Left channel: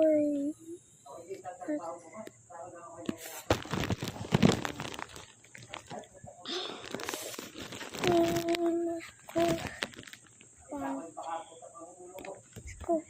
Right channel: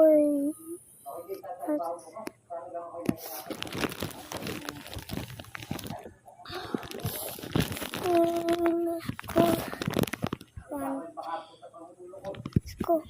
Uy. Go.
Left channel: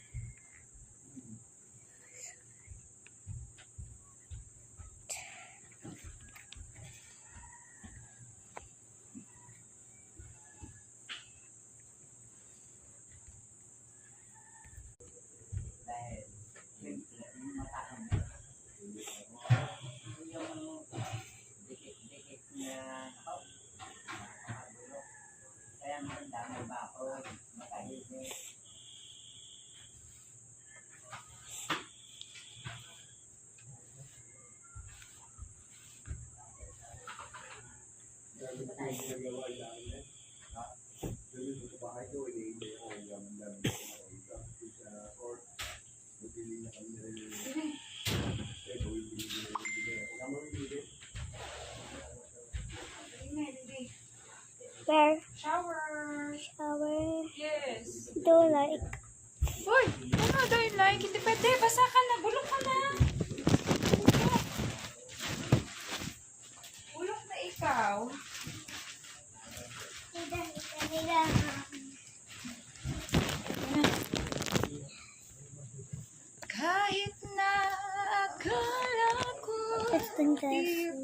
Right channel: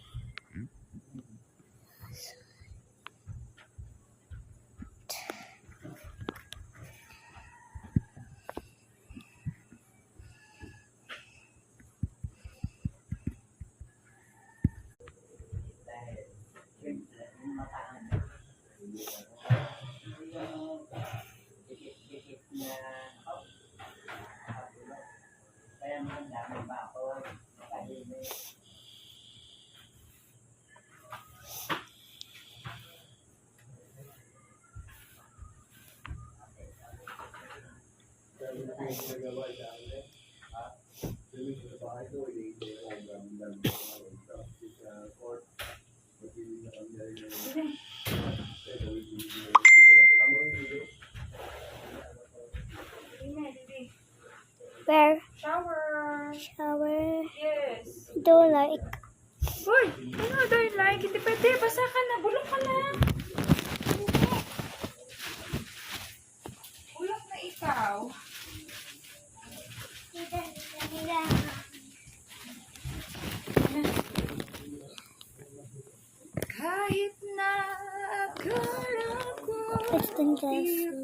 Where? Shower. Shower. Yes. Do like. Uy! Ano, don't like? Hindi pwede. Basa ka na. Bulok ka na. Bulok na ikaw. Kahit na akala ko It's dangerous.